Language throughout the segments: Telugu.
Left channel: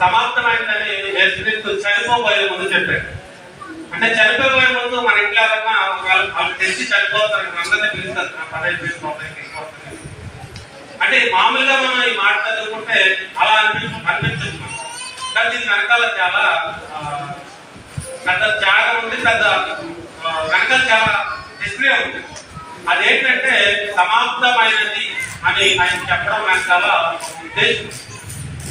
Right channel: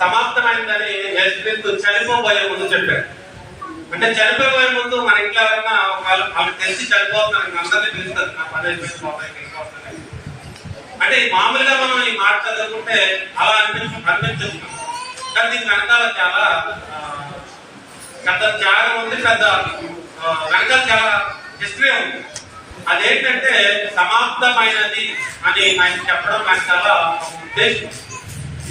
సమాప్తమైందని యేసుక్రీస్తు చనిపోబోయే ముందు చెప్పారు. అంటే చనిపోయే ముందు మన ఇంట్లో ఎవరన్నా వాళ్ళు తెలిసి చనిపోతారు, అందరినీ పిలుస్తారు, నా పని అయిపోయింది. అంటే మామూలుగా మనం ఈ మాట చదువుకుంటే అలా అనిపిస్తుంది. కానీ దీని వెనకాల చాలా పెద్ద త్యాగం ఉంది, పెద్ద వెనకాల చాలా హిస్టరీ ఉంది. అదేంటంటే సమాప్తమైనది అని ఆయన చెప్పడం వెనకాల ఉద్దేశం.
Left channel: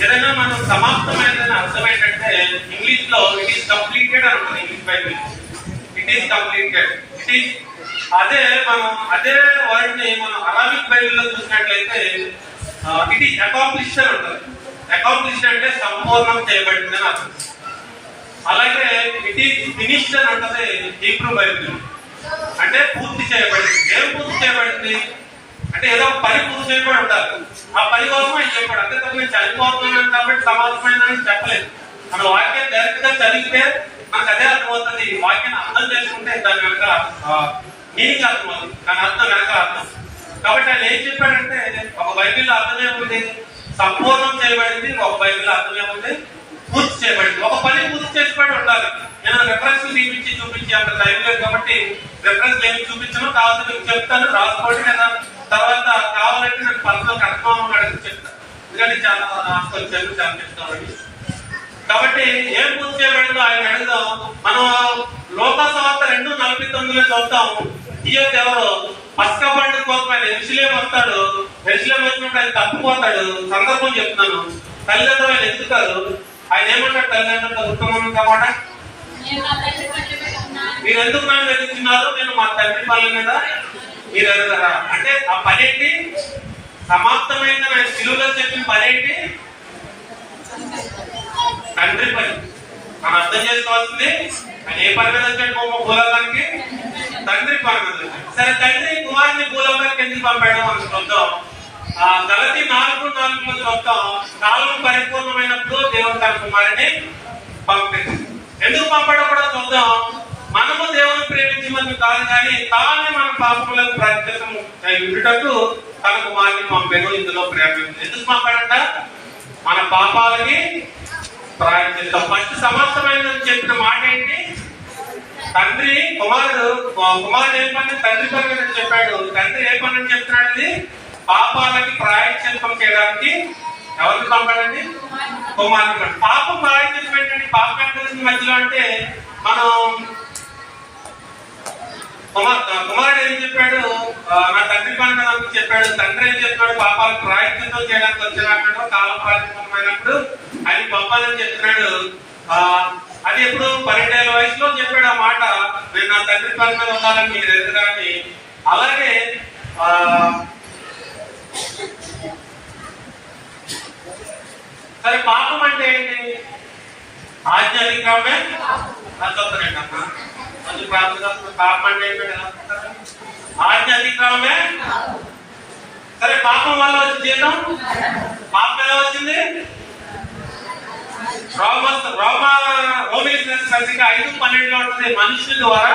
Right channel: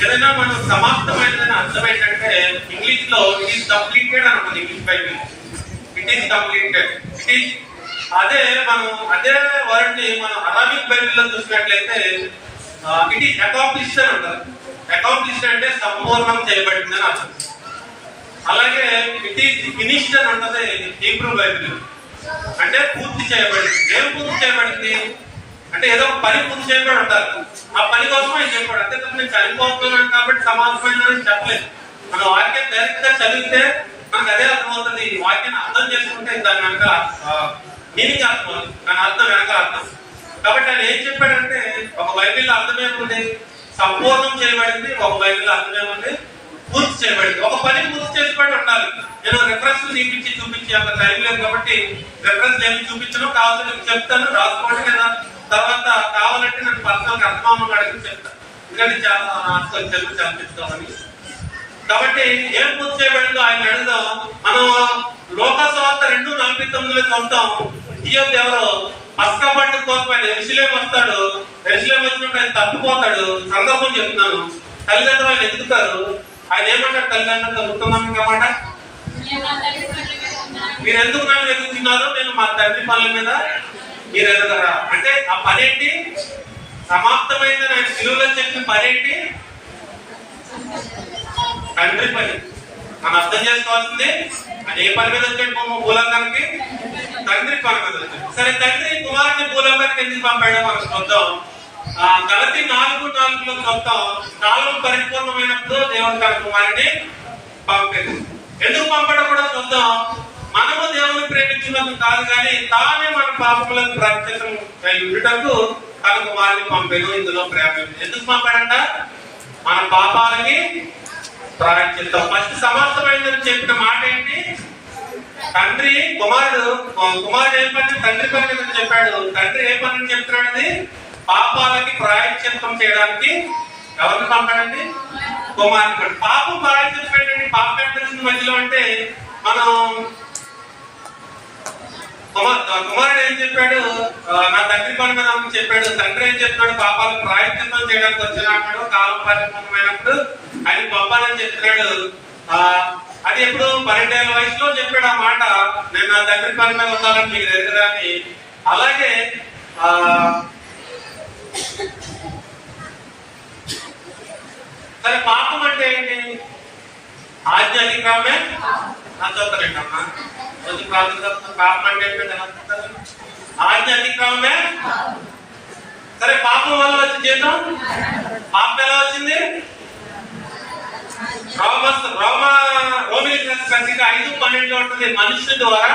ఏదైనా మనం సమాప్తమైనదని అర్థం ఏంటంటే ఇంగ్లీష్ లో ఇట్ ఈస్ కంప్లీటెడ్ అని ఉంటుంది. English Bible it is completed, it is అదే వర్డ్ ని మనం అరామిక్ బైబిల్ లో చూసినట్లయితే ఇట్ ఈస్ అకాంప్లిష్డ్ అని ఉంటుంది. అకాంప్లిష్డ్ అంటే సంపూర్ణం చేయబడిందని అర్థం. అలాగే ఇట్ ఈస్ ఫినిష్డ్ అని ఉంటుంది హీబ్రూ బైబిల్, అంటే పూర్తి చేయబడింది. ఏం పూర్తి చేయబడింది అంటే ఏదో ఒక పని పూర్తి చేయబడి ఉంటారు, ఆ పని కోసమే చెప్పాడు. అంతే తప్ప నేను చనిపోతున్నాను కాబట్టి సమాప్తమైందని చెప్పలేదు. మన వాక్యం డైరెక్ట్ గా చదివితే మనకు అదే అర్థమవుతుంది. వాక్యాన్ని అర్థం చేసుకుంటే దాని వెనక మీనింగ్ అర్థమవుతుంది, దాని అర్థం వెనక అర్థం. కాబట్టి ఆయన ఏం చెప్పాడంటే ఒక బైబిల్లో అర్థం ఏముంది, సంపూర్ణం చేయబడింది. ఒక బైబిల్లో అర్థం ఏముంది, పూర్తి చేయబడింది. ఒక పని పూర్తి చేసుకోవడం ఉండాలి. నేను రెఫరెన్స్ చూపించి అంత టైం లేదు కాబట్టి రెఫరెన్స్ ఏమి చూపించను, కావాలంటే చెప్తాను, రాసుకోండి కదా. తర్వాత కావాలంటే నాకు పర్సనల్ అర్థం అడిగి చెప్తాను, ఎందుకంటే చాలా తెలుగు చదివిస్తామని. కాబట్టి ఏం పూర్తి చేయబడిందో ఆయన అడుగుదాం. మనం లోకసువార్త 2:49 చూద్దాం. ఇయ్యొద్దు ఎవరు పస్కా పండుగ కోసం ఆయన ఎరుసలేం వస్తాడు. ఎరుసలేం వచ్చినప్పుడు ఆయన తప్పిపోతాడు. సందర్భం చెప్తున్నాను. తల్లిదండ్రులు ఆయన ఎత్తుతారు. ఆయన ఏమంటాడు తల్లిదండ్రులతో ఉత్తమం కామాట, మీరు ఎందుకు నన్ను వెతుకుతున్నారు, నేను మా తండ్రి పనుల మీద మీరు ఎదుగుతారా. అంటే ఆ పని ఏంటి, సమాప్తమైందని ఆయన సిలువలో చెప్పిన పని ఏంటి, తండ్రి పని. మనం అర్థం చేసుకోవాల్సింది ఆయన ఏ పని మీద వచ్చాడు భూలోకానికి, తండ్రి పని మీద వచ్చాడు. సరే తండ్రి కుమారుని భూలోకానికి ఎందుకు పంపాడు మనం చూద్దాం. గలతీ 4:4 చూద్దాం. కాలం పరిపూర్ణమైనప్పుడు దేవుడు తన కుమారుని పంపింది. ఎందుకు పంపడం కూడా చూద్దాం. మనము దేవుని ప్రేమించమని కాదు కానీ తానే మన పాపములకు ప్రాయశ్చిత్తం ఉండుటకు తన కుమారుని పంపాను. ఇందులో ప్రేమ ఎందుకు పంపాడంట, మన పాపాలకి ప్రాయశ్చిత్తం. ఫస్ట్ సమాప్తమైందని చెప్పిన మాట ఏంటి, తండ్రి కుమారుడు ఏం పని, తండ్రి పని మీద చెప్పాడు. తండ్రి ఏ పని అని చెప్తున్నాడు, అది పాపాలకి ప్రాయశ్చిత్తం చేయడానికి ఎవరిని పంపాడండి, కుమారుడు. పాపం ప్రాయశ్చిత్తం ఏంటండి, పాపం ఎంత మధ్యలో అంటే మనం కుమారుడు ఏం చెప్పాడు, నా తండ్రి పని మీద చెప్పాడు. తండ్రి ఏం చెప్పాడు, పాపాలకు ప్రాయశ్చిత్తం చేయడానికి వచ్చినాడు. కాలం ప్రారంభమైనప్పుడు ఆయన పంపాలని చెప్తున్నాడు. అది ఎప్పుడు 12 ఏళ్ల వయసులో చెప్పాడు ఆ మాట, నేను నా తండ్రి పని మీద ఉండాలని మీకు తెలుసు. కానీ అలాగే సరే పాపం అంటే ఏంటి, ఆజ్ఞ అతిక్రమమే. చదువుతానంటమ్మా కొంచెం పాపం అంటే ఏంటంటే ఆజ్ఞ అతిక్రమమే. సరే పాపం వల్ల వచ్చి జీతం, పాపం ఎలా వచ్చింది, రోమిలికి 5:12 ఉంటుంది. మనుషుల ద్వారా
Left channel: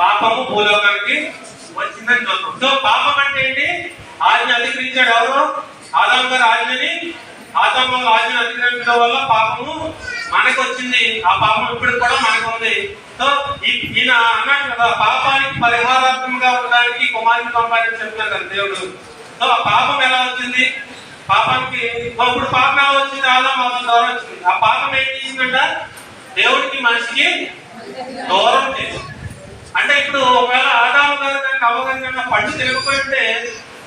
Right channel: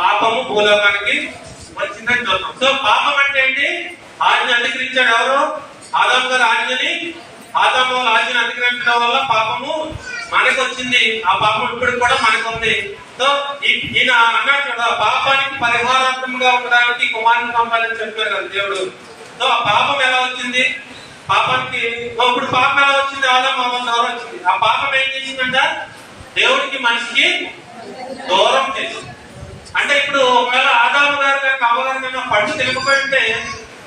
పాపము భూలోకానికి వచ్చిందని చూద్దాం. సో పాపం అంటే ఏంటి, ఆజ్ఞ అతిక్రమించాడు ఎవరు, ఆదాము గారు ఆజ్ఞని అతిక్రమించడం వల్ల పాపము మనకు వచ్చింది. ఆ పాపం ఇప్పుడు కూడా మనకు ఉంది. సో ఈయన అన్నాడు కదా, పాపానికి పరిహారాత్మకంగా ఉండడానికి కుమారుని పంపాలని చెప్పారు కదా దేవుడు. సో ఆ పాపం ఎలా వచ్చింది, పాపానికి ఇప్పుడు పాపం ఎలా వచ్చింది, ఆదాము అవ్వ ద్వారా వచ్చింది. ఆ పాపం ఏం చేసిందంట, దేవుడికి మనిషికి దూరం చేసింది. అంటే ఇప్పుడు ఒకవేళ ఆదాము గారు కనుక అవ్వగారు కన్నా పట్టు తెలియకపోయింటే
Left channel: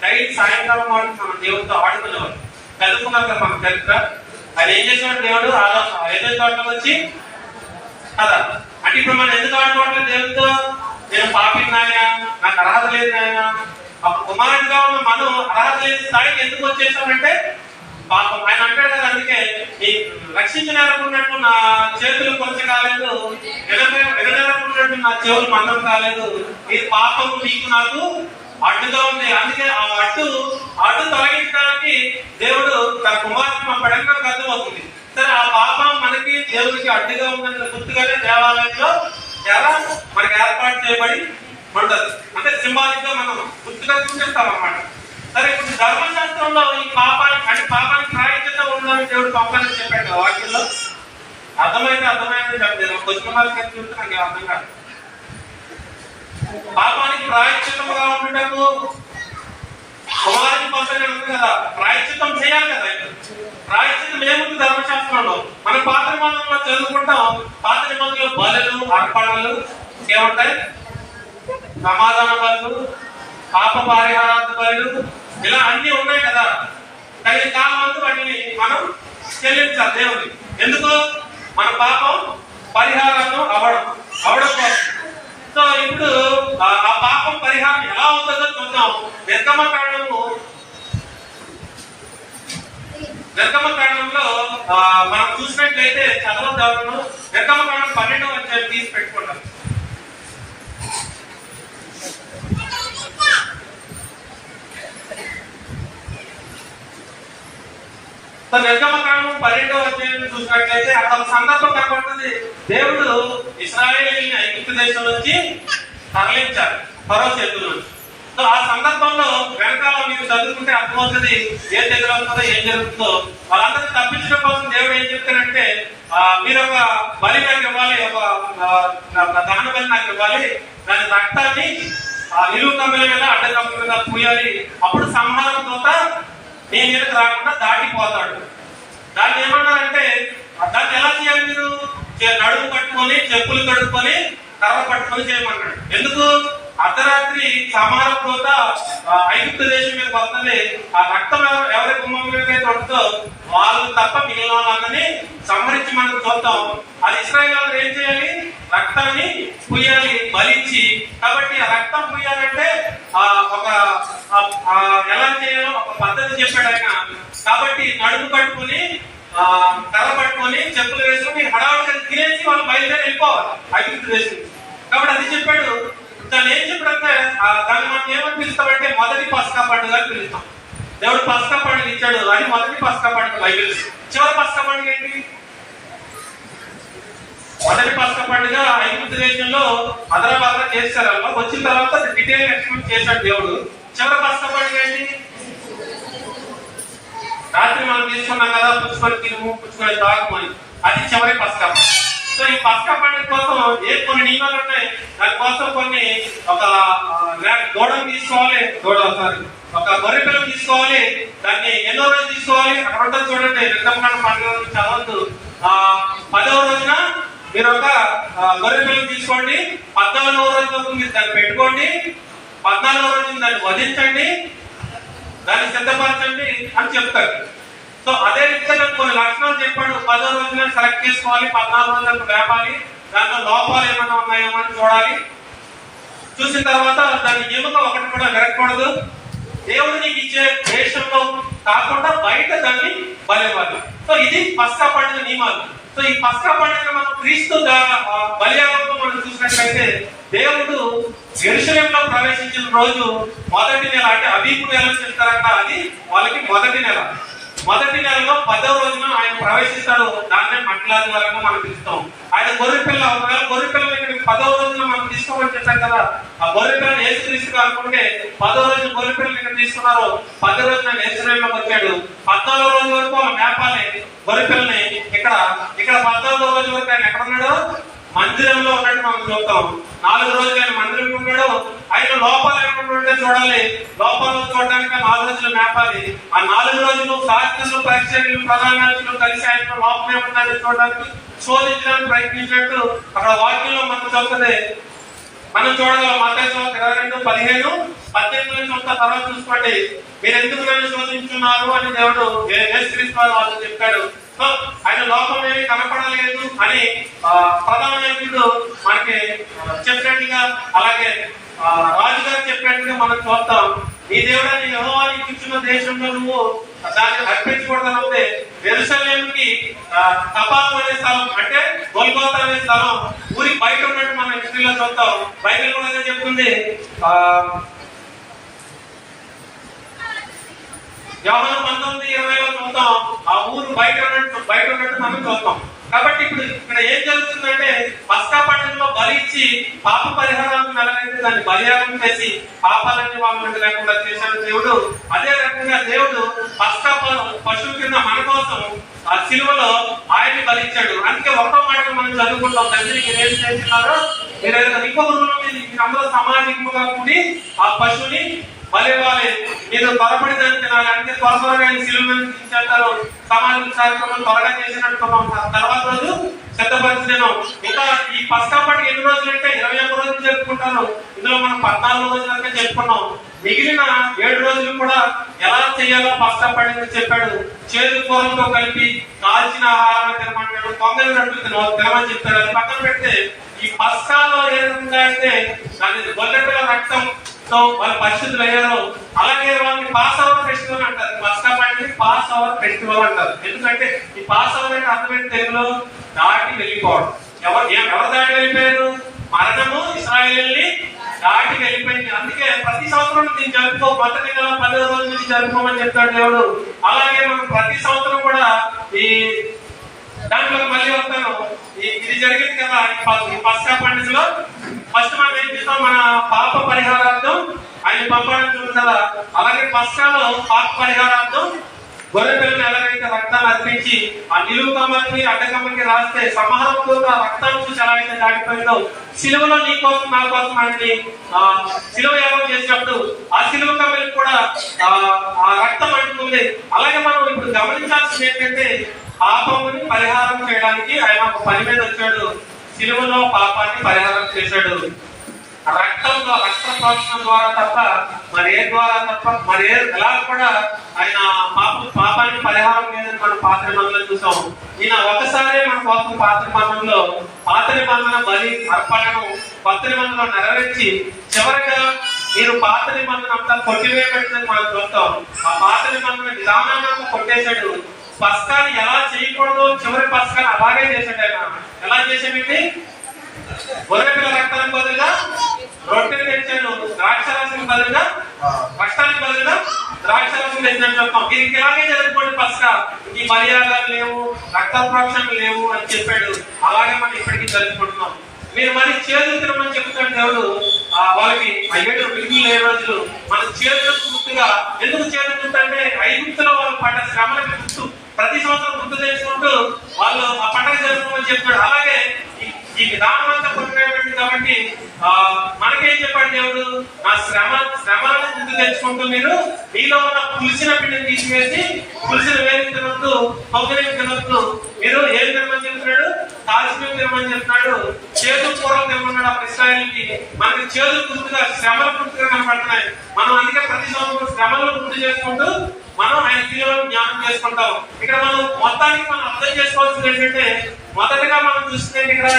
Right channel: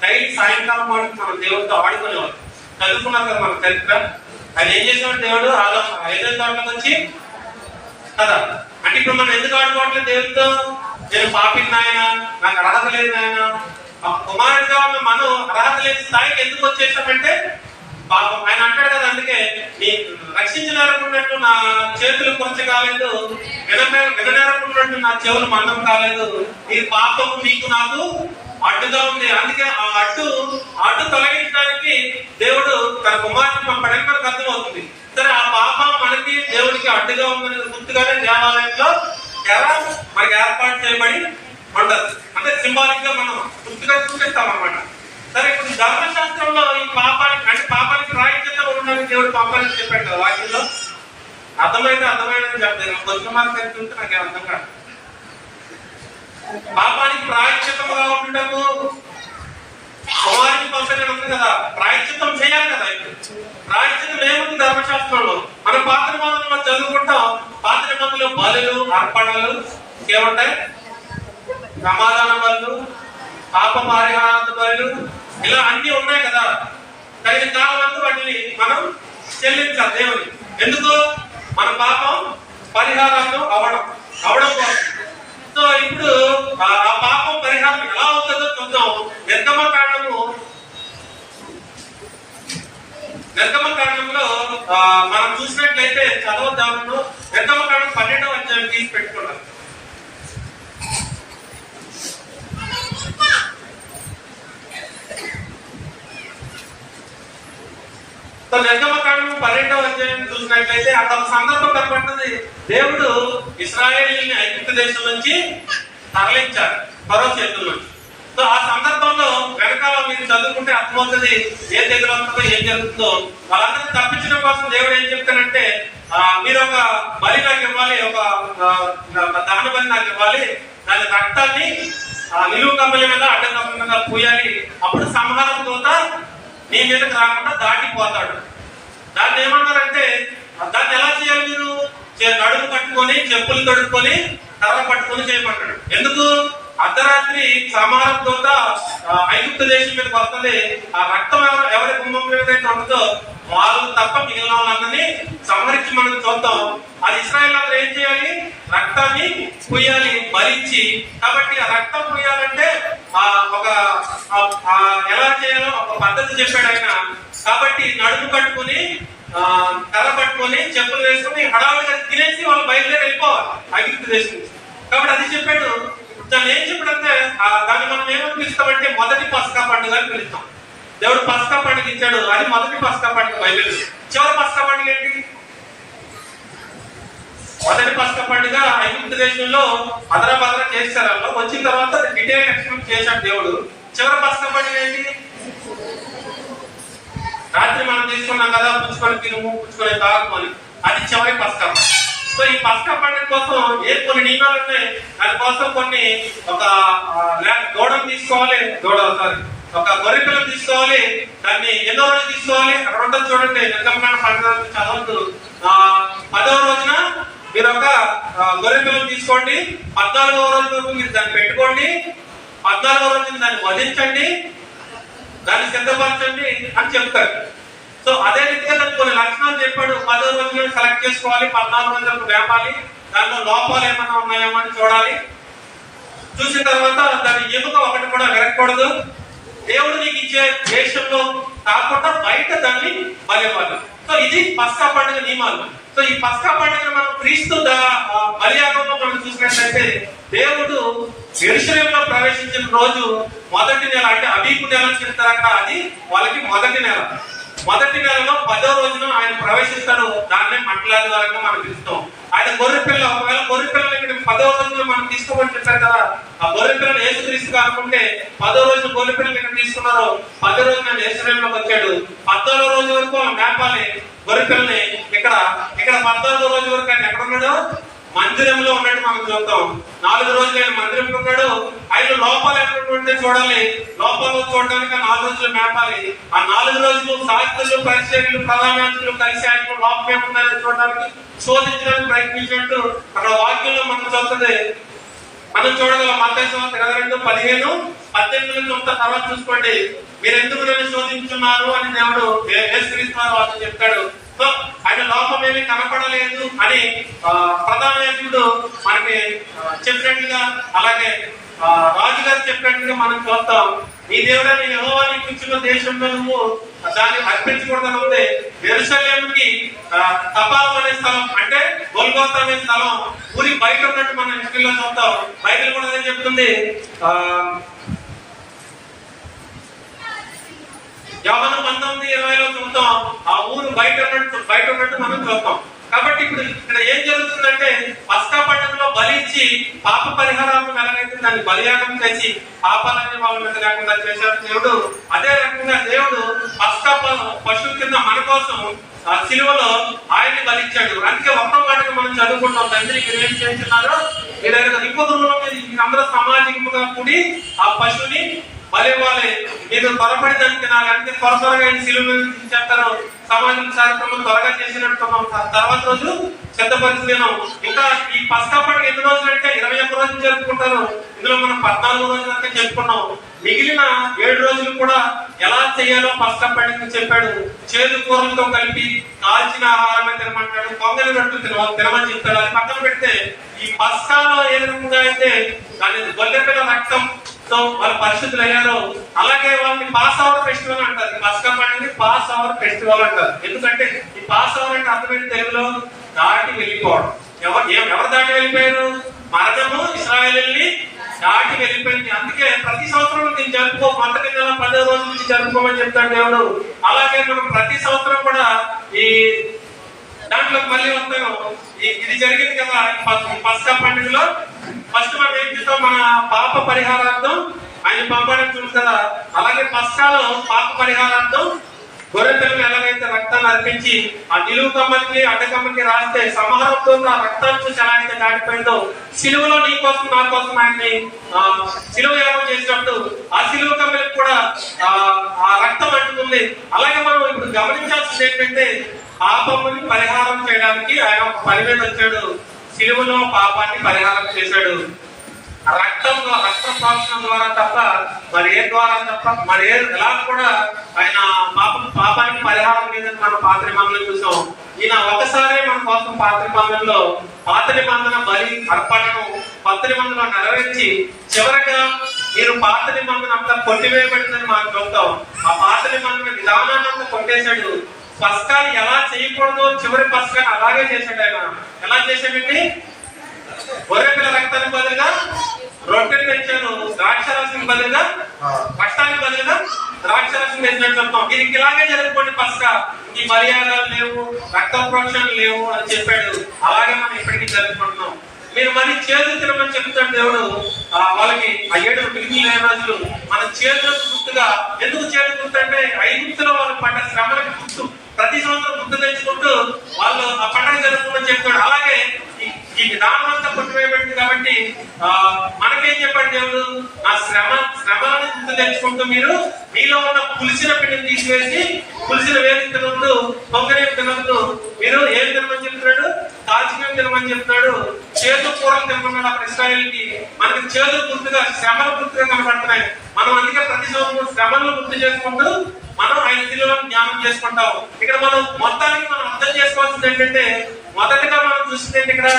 డైలీ సాయంకాలం మనం దేవుడితో ఆడుకునేవారు. చదువుకున్నాం కదా మనకు తెలుసా. అది ఏం చేశాడు దేవుడు, ఐదో తోటలోకి వచ్చి కదా. అంటే ఇప్పుడు మనం ఎందుకు ఆడుకోవట్లేదు దేవుడితో, నేను పాపిని నాయన, నాకు అర్హత లేదు నాయన. కుమారుడిగా ఉన్న మనం అర్హత లేని స్థాయికి ఎందుకు వచ్చేసామంటే పాపం. ఆయన అంటాడు కదా, అందుకే రక్షించినట్టున్నట్టు నా చేతులు కొంచెం కాలేదు, విననేరకున్నట్టు నా చెవులు మందం కాలేదు. ఇది పాపము నీకు నాకు అడ్డుగా ఉంది. అందుకే ఆ అడ్డు తొలగించడానికి దేవుడు తన కుమారుని పంపడానికి మనకు అర్థమవుతుంది. సరే ఆ పాపం మనకి దేవుడికి అడ్డుగా ఉందని గుర్తుగానే దేవాలయంలో మనకి ఏర్పాటు చేయబడి ఉండదు. అంటే సింబాలిక్ గా మనం గుర్తుగా చూపిస్తాం అన్నమాట. సరే ఇప్పుడు ధర్మశాస్త్రంలో ఈ పాపానికి రాయితీగా ఉండడానికి దేవుడు పంపాలని చెప్పాడు కదా వాక్యం. అర్థమైతే అర్థమైందని చెప్తాను. క్వశ్చన్ మార్క్ అని చూస్తే నాకు అర్థం కాదు. పాపానికి ప్రాయశ్చిత్తముగా ఉండటము కుమారుని పంపని ఉంది కదా, ప్రాయశ్చిత్తం చేయాలి కదా. ప్రాయశ్చిత్తం ఏముంది ధర్మశాస్త్రంలో? మనం పాత నిబంధనలో చదువుకుంటాం. పాత నిబంధనలో బలులు, అర్పణలు ఏముంటాయి? సమాధాన బలు, పాప పరిహారార్థ బలు, ఇలా అన్ని ఉన్నాయి కదా. తగిన కాలం వాటిని మనం చెల్లించాలి దేవుని. ఎందుకు? మన పాపం పరిహారాలు అవడం కోసం. సో ఇప్పుడు ఆ పాపం పరిహారం ఎలా అవుతుందో చూద్దాం. నిర్గమకాండంలో మనం చూసినట్లయితే చదవద్దాము. నిర్గమకాండం 12వ అధ్యాయం తీసి పెట్టుకుంటాం. నిర్గమకాండం 12వ అధ్యాయం చూసినట్లయితే అక్కడ సందర్భం కనబడుతుంది. దేవుడు ఇశ్రాయేలీయుల్ని ఐగుప్తు దేశం నుంచి తరలించారు ఫరో చేతుల నుంచి. సో ఆ సందర్భంలో వెనకాల మీరు చదువుకుంటే అర్థమవుతుంది ఏం దగ్గర అవుతుందో ఏం జరుగుతుందో. వాళ్ళందరూ తప్పించడం కోసం దేవుడు ఏం చెప్తానంటే, మీరు ఒక బలి నాకు ఇవ్వాలి, ఒక దహన బలి నాకు ఇవ్వాలి, దాని రక్తాన్ని నిలువు కమ్మల మీద అడ్డ కమ్మల మీద పూయాలి, అప్పుడు సంహారం దూత నీ మీదకి రాకుండా దాటిపోతాడు. దాన్ని ఏమన్నారంటే, దాన్ని ఎలా చేయాలి? మీరు నడుము కట్టుకొని చెప్పులు కడుక్కొని కర్ర పట్టుకొని చేయమన్నాడు. ఎందుకు? అర్ధరాత్రి సంహారం దూత ఐగుప్తు దేశం మీదకి వస్తుంది. ఆ రక్తం ఎవరి గుమ్మం మీద ఉంటుందో వాళ్ళు తప్ప మిగిలిన వాళ్ళని సంహరించి మనం చూద్దాం. అది ఇశ్రాయేలు వాళ్ళు ఏం చేయాలి? రక్తాన్ని పుయ్యాలి, బలిచ్చి. కాబట్టి ఆ రక్తం పుయ్యాలంటే ఒక ఎలా చేయాలో ఒక పద్ధతి చెప్పాడు ఆయన. కాబట్టి నడుము కట్టుకుని కర్ర పట్టుకొని చెప్పులు వేసుకుని హడావుడిగా తినేసి వాళ్ళు బయలుదేరి వెళ్ళిపోవాలి ఐగుప్తు దేశం. కాబట్టి అది చెప్పాడు. దాన్ని ఏం చెప్పాడంటే, దాన్ని మనం ఏమని పిలుస్తామంటే మొదటి పస్కా పండుగ అని పిలుస్తాం. దేవుడు పస్కా పండుగ ఇచ్చాడు, అది మొదటి పస్కా పండుగ బైబిల్. చివరి పస్కా పండుగ ఏంటి? మొదటి పస్కా పండుగ ఐగుప్తు దేశంలో అదరా చేశారు. వచ్చిన తర్వాత డీటెయిల్ ఎక్స్ప్లెయిన్ చేశాడు దేవుడు. చివరి పస్కా పండుగ ఏంటి? రాత్రి మనం తీసుకున్నాం కదా, పుచ్చుకొని తిరుము, పుచ్చుకొని తాగు అని. అది చివరి పస్కా. సో ఈ పస్కా పండుగ కోసం కొన్ని నియమాలు ఉన్నాయి. దానికోసం కొన్ని ఒక దూడను తీసుకోవాలి, ఒక గొర్రె పిల్లను తీసుకోవాలి. దాన్ని ఎన్నో రోజు తీసుకోవాలి అక్కడ ఉంటుంది చూడండి. నిర్గమకాండం పండుగ చదవద్దు. 10వ రోజున మీరు ఒక గొర్రె పిల్లను తీసుకోండి. 14వ రోజు వరకు మీరు దాన్ని పెట్టుకోండి. 14వ రోజున దాన్ని వధించండి, దాన్ని సిద్ధపరచండి అని చెప్తారు. సో అదే రీతిగా కొన్ని లక్షణాలు చెప్పాడు. 10వ రోజున సెలెక్ట్ చేసుకోవాలి, 14 రోజులకు వేపాలి, దాంట్లో లోపాలు ఏమైనా ఉన్నాయో అని చూడాలి. చూసిన తర్వాత దాని ఎముక ఒకటి కూడా విరగకూడదు. దేవుడు నీకు ఇచ్చే దేశంలో కాకుండా బయట దాన్ని బలివ్వాలి. సో ఇది పస్కా పండుగ నియమాలు. సో ఈ పస్కా పండుగ మనం క్రీస్తు బలియాగంలో మనం చూసినట్లయితే దేవుడు యెరూషలేములో ప్రవేశించిన రోజు మొదటి నెల, అంటే అబీబు నెల చెప్తారంట. అది వాళ్ళకి మొదటి నెల. మొదటి నెలలో 10వ రోజున ఆయన ప్రవేశిస్తాడు. దాన్నే మట్లాది వరకు మనం పిలుస్తాం. ఆయన గొర్రెపిల్ల, ఒకవేళ గొర్రెపిల్లని ఇక్కడ 10వ రోజున మనం తీసుకోమని చెప్పారు కదా. ఆ గొర్రెపిల్లని యేసుక్రీస్తు అనుకుంటే 10వ రోజున గొర్రెపిల్లని ఇక్కడ తీసుకున్నారు. 10వ రోజున యేసులోకి వచ్చాడు. 14వ రోజు వరకు వాళ్ళు మేపాలి గొర్రెపిల్లని. ఇక్కడ 14వ రోజు వరకు ఆయన ఎక్కడ ఉన్నాడు? మందిరంలో ఉన్నట్టు మనం చూస్తాం. 4 రోజులు ఆయన మందిరంలో ఉన్నాడు. ఆయన లోపాలు ఎక్కడ ఉంటే చూడాలి. లోపాలు చూడడానికి 4 రోజులు మేపాలి. ఆ 4 రోజులు శాస్త్రులు, పరిచర్యలు, ప్రధానాలు కలిసి ఆయన లోపం ఏముందని చూడడానికి, శోధించడానికి ప్రయత్నించినట్టు అక్కడ వాక్యంలో మనం చూస్తుంది. మనం చూడగలం. మత్తయి 22:15, 18 నుంచి తర్వాత చూసుకోండి. మీరు ఎందుకు నన్ను శోధించున్నారు అని దేవుడు యేసుక్రీస్తు వాళ్ళని చెప్తాడు. సో ఆయన లోపం ఏమీ కనపడలేదు అని ప్రధాన నాయకుడు మనకి చెప్పినట్టుగా, అలాగే రాజుగారు చెప్పినట్టుగా మనం చూస్తాం. నీ దేవుడని యెహోవా నీకు ఇచ్చిన దేశంలో నువ్వు దాన్ని అర్పించకూడదనుంది. యెరూషలేముకి కపాలం అనే స్థలం, అంటే గొల్గోతా అనే స్థలం ఊరికి బయట ఉన్నట్టు మనం హిస్టరీలో చూస్తాం. బైబిల్ కూడా అదే చెప్తుంది. యోహాను 19:20లో చూద్దాం. ఆ ఊరు బయట ఉన్నట్టు మనం చూద్దాం. కాబట్టి ఇప్పుడు ఇక్కడ ఏం జరుగుతుందంటే, పస్కా పండుగలో బలి ఇచ్చి పాప పరిహారాలను ఎలాగైతే దాన్ని బలియాగం చేసి పాపాలన్నీ వాళ్ళ మీద లేకుండా చేశాడు దేవుడు, అదే రకంగా దేవుడు పస్కా పశువు కింద మన కోసం ఆ సిలువలో ఆయన్ని బలిచ్చాడు. అందుకే ఒక్క మాటగా మనం చదువుకుంటాం, తండ్రికి ఏం చేస్తున్నారు మీరు ఇంకొక మీరందరూ సామాజికంగా కూడి ఆ పశువుని బలివ్వాలి, మీరు త్వరపడి దాన్ని తినాలి. అంటే త్వరగా సిలువ చేస్తారు. సామాజిక కార్యక్రమం త్వరగా చేసినట్టు తర్వాత రోజు సిద్ధపరిచలేను. ఇంకా ఈ పస్కా పండుగ ఎన్ని రోజులు అంటే 21 రోజులు జరుపుకుంటారు. ఇందులో మనం 14 రోజులు అంటే చెప్పుకున్నాం. మిగిలిన 7 రోజులు కూడా ఎలా చేయాలో పస్కా పండుగ చెప్పాడు. చేదు కూరలతో కలిపి కాల్చిన ఆహారం తినమంటాడు, పొంగలి రొట్టెలు తినమని చెప్తాడు. అది పక్కన పెడితే ఈ పస్కాలో ఏ విధంగా అయితే దాని గొల్లెపిల్ల రక్తంతో వాళ్ళ పరిస్థితులు అయ్యారో అలాగే వాళ్ళని పాస్ అవర్ ఫెస్టివల్ అంటారు. పస్కా పండుగని పాస్ అవర్ ఫెస్టివల్ అంటారు. ఎందుకంటే ఈ పాస్ అవర్ అంటే అర్థమైన తెలుగులో దాటి వెళ్ళిపోవడం. ఎవరు దాటి వెళ్ళిపోయారు? మరణము ఇశ్రాయేలుని దాటి వెళ్ళిపోయింది. అందుకే ప్రతి సంవత్సరం దీన్ని జరుపుకో, మొదటి నెల 10వ రోజు నుంచి జరుపుకోమని చెప్తాడు దేవుడు. అలాగే మనం ప్రతి సంవత్సరం కూడా ఈ దాంట్లో మళ్ళీ వస్తాను. ఇది జరిగింది కదా ఈ పస్కా పండుగలో. ఫస్ట్ మనం ఏం చేస్తాం, మన పాప పరిహారార్థం ఆయన పంపడం చూడు కదా. అలాగే పస్కాలో పాప పరిహారార్థం గొర్రె పిల్లని ఎలాగైతే రక్తాన్ని అర్పించి ఆ నిలువు కమ్మకి అడ్డకమ్మకి రాస్తే సంహారంతో ఆ రక్తాన్ని చూసి ఎలా అయితే దాటిపోయిందో సిలువలో నీ కోసం నా కోసం ఆయన్ని సిలువ యాగం చేసినప్పుడు ఆ సిలువ కమ్మకి కూడా ఆ రక్తం అంటుకుంది. అలాగే మనం ఇప్పుడు గమనించాల్సింది ఏంటంటే పాపముని పరిహారం చేయడానికి ఆయన ఒక పని మీద వచ్చాడు. సిలువలో పాపాన్ని పరిహారం చేశాడు. రక్తంలో రక్త ప్రోక్షణ ద్వారా తప్ప మరి ఎలా కూడా ఆయన పాపానికి పరిహారం లేదని మనం పాత నిబంధనలు చూసాం. ఈయన ఒకసారి మన కోసం పాత నిబంధన బలి అర్పణను కొత్త నిబంధనలో నెరవేర్చి చివరిగా మీరు పాత నిబంధన అంతా కొట్టివేయబడిందని మనం చూస్తాం. ఆ పాత నిబంధన విధానాన్ని అంతా కొట్టేశాడు. పస్కాని ఎలా చేయకూడదు చివరి పస్కాని అలాగే చేశాడు. ఆయన ఎలా చేశాడండి? గొర్రెపిల్ల రక్తానికి బదులుగా రొట్టెలు తెచ్చాను, ద్రాక్షరసం బదులుగా కష్టానికి బదులుగా ద్రాక్షరసం తెచ్చాను చెప్తాం. దీనికి ఇలాగే జరుపుకోండి పస్కా. ఈ మర్యాదలు లేవు, రక్త ప్రోక్షణలు లేవు అని చెప్పాడు. అలాగే మనం ఇప్పటికీ జరుపుకుంటున్నాం. మీరు మరి చేతులు తినమని చెప్తాడు దేవుడు. వాళ్ళకి ఆ 7 మిగిలిన రోజులు మన చేతులకు గుర్తుగా. ఎందుకు చేతులు గుర్తు అంటే ఐగుప్తులో వాళ్ళు పడ్డ శ్రమలకు గుర్తు. ప్రతి సంవత్సరం గుర్తు తెచ్చుకుంటూ వాళ్ళు ఆ పండుగ జరుపుకోమని చెప్పాడు. అలాగే ఈ విధానం అంతా కొట్టివేయబడింది కాబట్టి మనకేం చెప్పాడు దేవుడు? నా శ్రమలను గుర్తు తెచ్చుకుంటూ మీరు మీలో ఉన్న పులిసిన పిండిని తీసివేసి పులిసిన వేలు తినొద్దు, పొగరేమి తినొద్దు, మీరు ఏం తినమని చెప్తున్నాడు? కాల్చివేమి తినమని చెప్తున్నాడు. చేదు కూరలు తినమన్నాడు. అప్పుడు ఇశ్రాయేలుకి మనకి చేదు గుర్తుగా శ్రమలు గుర్తుగా కనబడుతున్నాయి. మనం అందుకే ప్రతి సంవత్సరం శ్రమలను గుర్తు చేసుకుంటూ మనం ఆయన పిల్లలను జ్ఞానం చేసుకుంటాం. ఇక్కడ మనం మొత్తానికి మనం అర్థం చేసుకోవాల్సింది ఏంటంటే మొదటిగా మనం చూస్తుంది ఇక్కడ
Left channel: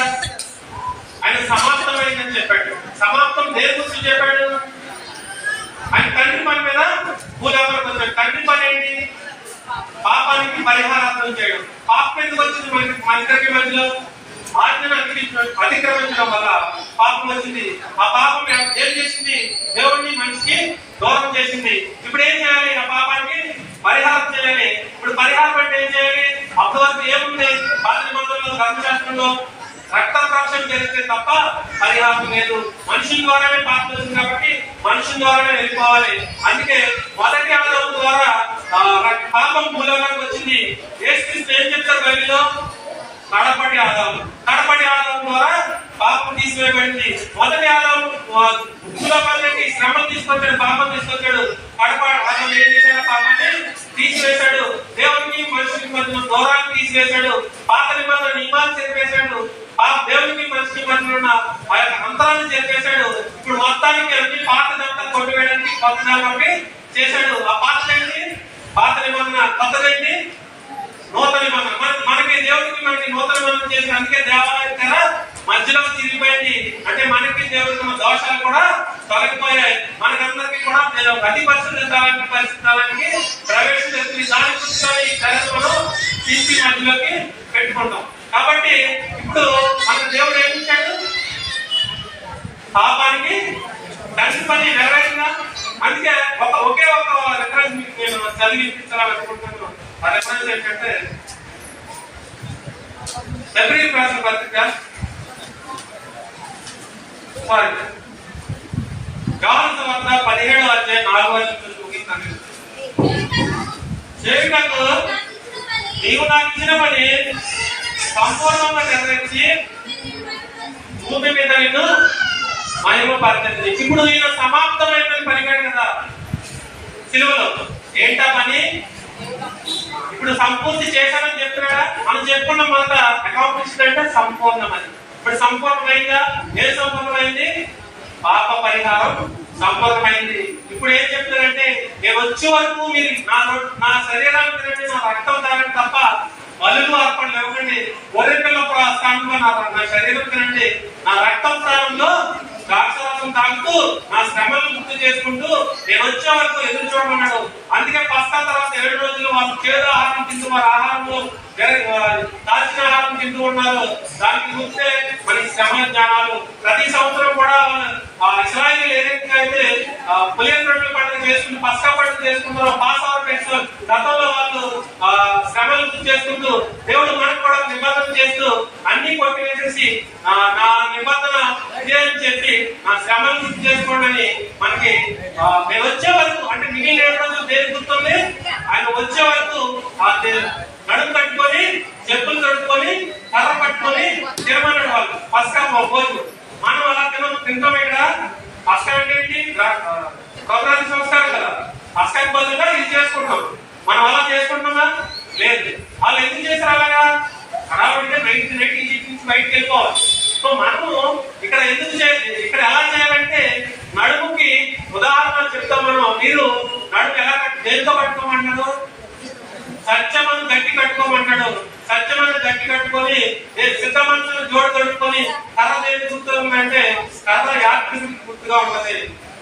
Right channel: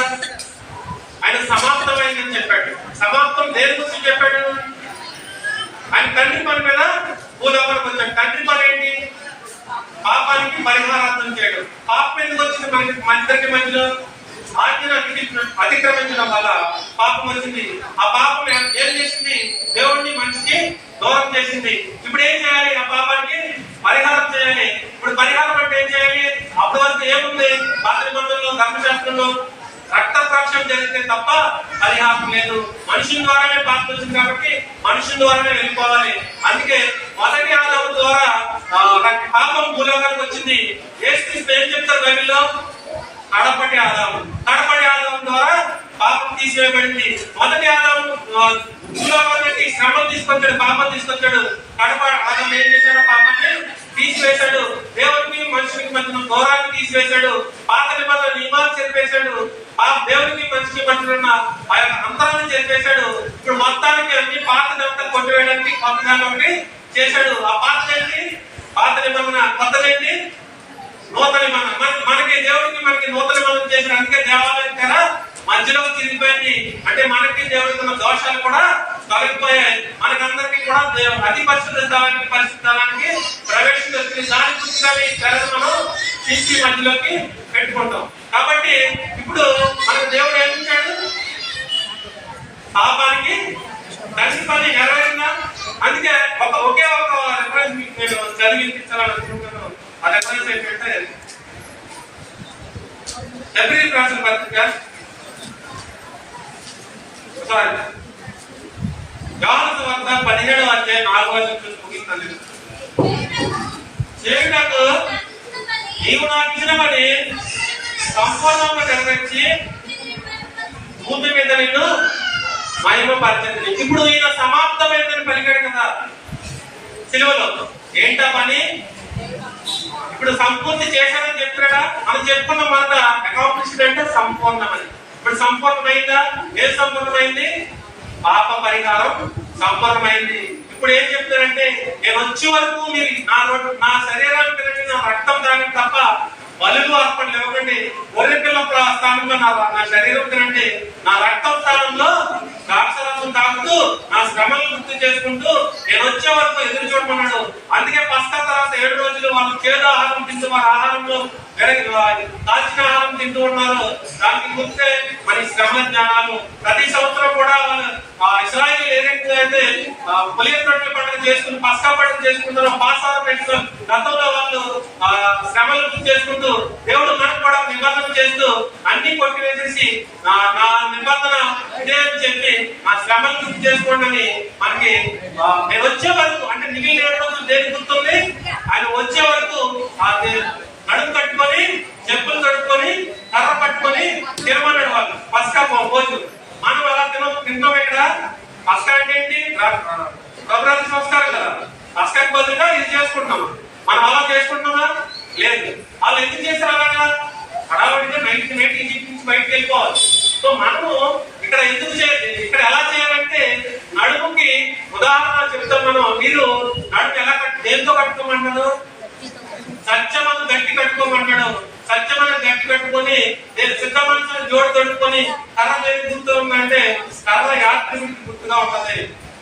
ఆయన సమాప్తమైందని చెప్పాడు. సమాప్తం దేని గురించి చెప్పాడు? ఆయన తండ్రి పని మీద భూలోకానికి వచ్చాడు. తండ్రి పని ఏంటి? పాపానికి పరిహారార్థం చేయడం. పాపం ఎందుకు వచ్చింది మనకి? మన ఇద్దరికి మధ్యలో ఆజ్ఞను అతిక్రమించడం వల్ల పాపం వచ్చింది. ఆ పాపం ఏం చేసింది? దేవుడిని మనిషికి దూరం చేసింది. ఇప్పుడు ఏం చేయాలి? ఆ పాపానికి పరిహారం చేయాలి. ఇప్పుడు పరిహారం అంటే ఏం చేయాలి? అప్పటి వరకు ఏముంది? పాత నిబంధనలో ధర్మశాస్త్రంలో రక్త ప్రోక్షణ జరిగితే తప్ప పరిహారం లేదు. మనుషుల ద్వారానే పాపం వచ్చింది కాబట్టి మనుషుల ద్వారానే వెళ్ళిపోవాలి. అందుకే మొదటి ఆదాము ద్వారా పాపం భూలోకానికి వచ్చింది. యేసుక్రీస్తు ఏం చెప్తారు బైబిల్లో? కడపటి ఆదాము ద్వారా పాపం తీసివేయబడింది. మొదటి ఆదాము భూలోకానికి శ్రమం తీసుకొచ్చాడు, పాపం తీసుకొచ్చాడు. కడప ఆదాము ఏం చేశాడు? పాపాన్ని తీసివేశాడు. దేవునికి మనుషులకి మధ్య దూరాన్ని తీసివేశాడు. పాత నిబంధన నియమాన్ని చెరిపేశాడు. దేవునికి మనిషికి మధ్య ఉన్న అంతరాన్ని చెప్పేశాడు. ఇప్పుడు మొత్తానికి అన్ని పాతదంతా కొట్టివేయడానికి కొత్త దాన్ని ఒకటి చేశాడు. ఆ పాత ఏంటి? పాత నిబంధన. కొత్తదేంటి? నూతన నిబంధన. మనకి దేవుడికి మనకి నూతన నిబంధన చేసిన. అందుకే దేవాలయం కదా మధ్యలో తిరిగిపోయింది. అంటే మనకి దేవుడికి ఉన్న దోషాలు కూడా తొలగిపోయాయి. మనకందరికి కూడా అతి పరిశుద్ధానికి ప్రవేశిస్తుంది. దాని గురించి మనం తీసి మధ్యలోకి పెట్టుకుంటాం. కాబట్టి ఇప్పుడు మన దేవుడు ఏమిచ్చాడు? పాపానికి తండ్రి పని నెరవేరిందా? అందుకే ఒకే ఒక రెఫరెన్స్ మీకు నేను చదివించాలనుకుంటున్నాను. ఆ రెఫరెన్స్ ఏంటంటే ఎబ్రియల్ రాసిన పత్రిక యోహాను సువార్త 17వ అధ్యాయం 4వ వచనం ముగిస్తాను. చేయుటకు నీవు నాకు ఇచ్చిన పని సంపూర్ణంగా నెరవేర్చి భూమి మీద నిన్ను మహిమపరచండి. ఇప్పుడు ఈయన సమాప్తమైందని పలికాడు కదా సిలువలో. ఏంటా పని? ఇప్పుడు సంపూర్తి చేశానని చెప్తున్నాడా? మనం చెప్పుకున్న మాట అకాంప్లిష్డ్ అంటే సంపూర్ణమని. ఇప్పుడు సంపూర్ణమైందా? ఏది సంపూర్ణమైంది? పాప పరిహారం సంపూర్ణమైంది. ఇప్పుడు ఏం చెప్తారంటే, నేను వచ్చే వరకు మీరు నా శరీరాన్ని తినండి, నా రక్తం తాగండి తప్ప బలులు అర్పణలు ఇవ్వకండి. ఒరిపిల్ల స్థానంలో నా శరీరం తినండి, నా రక్తం స్థానంలో ద్రాక్షరసం తాగుతూ నా శ్రమలను గుర్తు చేసుకుంటూ నేను వచ్చే వరకు ఎదురు చూడమన్నాడు. అందుకే పస్కా తర్వాత 7 రోజులు వాళ్ళు చేదు ఆహారం తింటూ వారి ఆహారంలో దాచిన ఆహారం తింటూ ఉన్నారు. దానికి గుర్తే మన శ్రమ జ్ఞానాలు. ప్రతి సంవత్సరం కూడా ఇస్రాయేల్ ఏ రకంగా అయితే పులియన్ రొట్టెల పండుగ చేసుకుని పస్కా పండుగ చేసుకుంటారో, పాసావా ఫెస్టివల్ గతంలో వాళ్ళు శ్రమలు గుర్తు చేసుకుంటూ దేవుడు మనకు కూడా నిబంధన చేస్తూ అన్ని కొట్టివేసేసి నా నిబంధన ఇదే అని చెప్పి నా శ్రమను గుర్తు చేసుకోండి అని మనకి మేము వచ్చే వరకు, అంటే మిగిలిన 7 రోజులు దేని గుర్తుంది? ఆయన వచ్చే వరకు నడుము కట్టుకొని చెప్పులు కట్టుకొని కర్ర పట్టుకొని తినమన్నాడు వాళ్ళు పస్కా భోజనం. మనం అలా తింటాం ఇక్కడ. పస్కా అంటే ఏంటి? పౌరాణిక సంస్కారం కదా. పస్కాకి బదులుగా ఇది చేసుకుంటాం. మనం అలా చేసుకుంటున్నా లేదు. వాళ్ళు ఎందుకు చేశారు అలాగా? హడావుడిగా నైట్ ఈజిప్ట్ నుంచి బయటకు వెళ్ళిపోవాలి. సో మనము ఇక్కడ ఎందుకు ఇక్కడ ఎలా చేయాలంటే, నడుముకి ఉదాహరణ చెప్తాం మనం. మీరు నడుము ఎలా దేంతో కట్టుకోమంటారు? సత్యమను గట్టి కట్టుకోమంటాడు. సత్యమను గట్టి కట్టుకొని సిద్ధ మనసును జోడు కట్టుకొని కర్ర దేనికి గుర్తు ఉందంటే, కర్ర యాత్రికుడికి గుర్తుగా ఉంటది.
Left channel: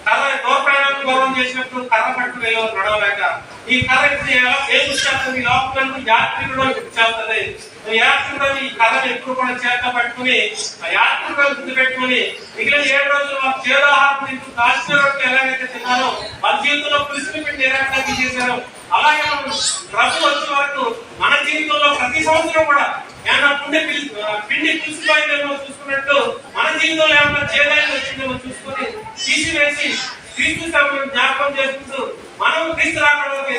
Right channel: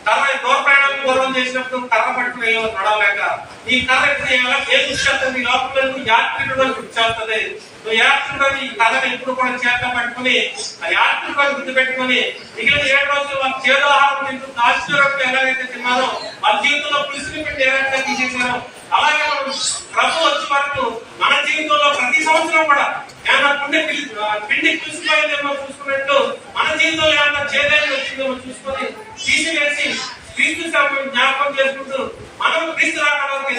కర్ర దూర ప్రయాణం పూర్వం చేసినప్పుడు కర్ర పట్టుకుని వెళ్ళవచ్చు నడవలేక. ఈ కర్ర ఏ గుర్తు ఈ లోపలకు యాత్రికుడు అని గుర్తు చేస్తుంది. నువ్వు యాత్రికుడు ఈ కర్రను ఎప్పుడు కూడా చేత పట్టుకుని ఆ యాత్రికుడు గుర్తు పెట్టుకుని మిగిలిన 7 రోజులు వాళ్ళు చేదాహారం తింటూ దాచిన రొట్టెలు ఎలాగైతే తిన్నారో, వాళ్ళ జీవితంలో పులిసిన పిండి ఏ రకంగా తీసేశారో, అలాగే మనం ప్రభు వచ్చే వరకు మన జీవితంలో ప్రతి సంవత్సరం కూడా ఏమన్నా పిండి పులిసిపోయిందేమో చూసుకున్నట్టు మన జీవితంలో ఏమన్నా చేదైనా వచ్చిందేమో చూసుకొని తీసివేసి క్రీస్తు జ్ఞాపకం చేసుకుంటూ మనం క్రీస్తు రాకడ వరకు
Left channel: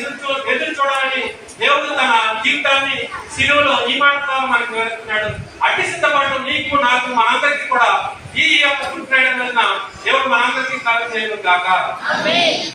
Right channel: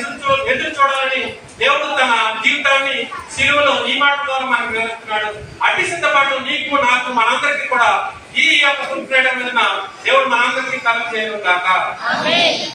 ఎదురు చూడాలని దేవుడు తన జీవితాన్ని సిలువలో ఈ మాట ద్వారా మనకు వివరిస్తున్నాడు. అట్టి సిద్ధపాటు నీకు నాకు మనందరికీ కూడా ఈ యొక్క దేవుడు మనందరికీ కాలం చేయను కాక.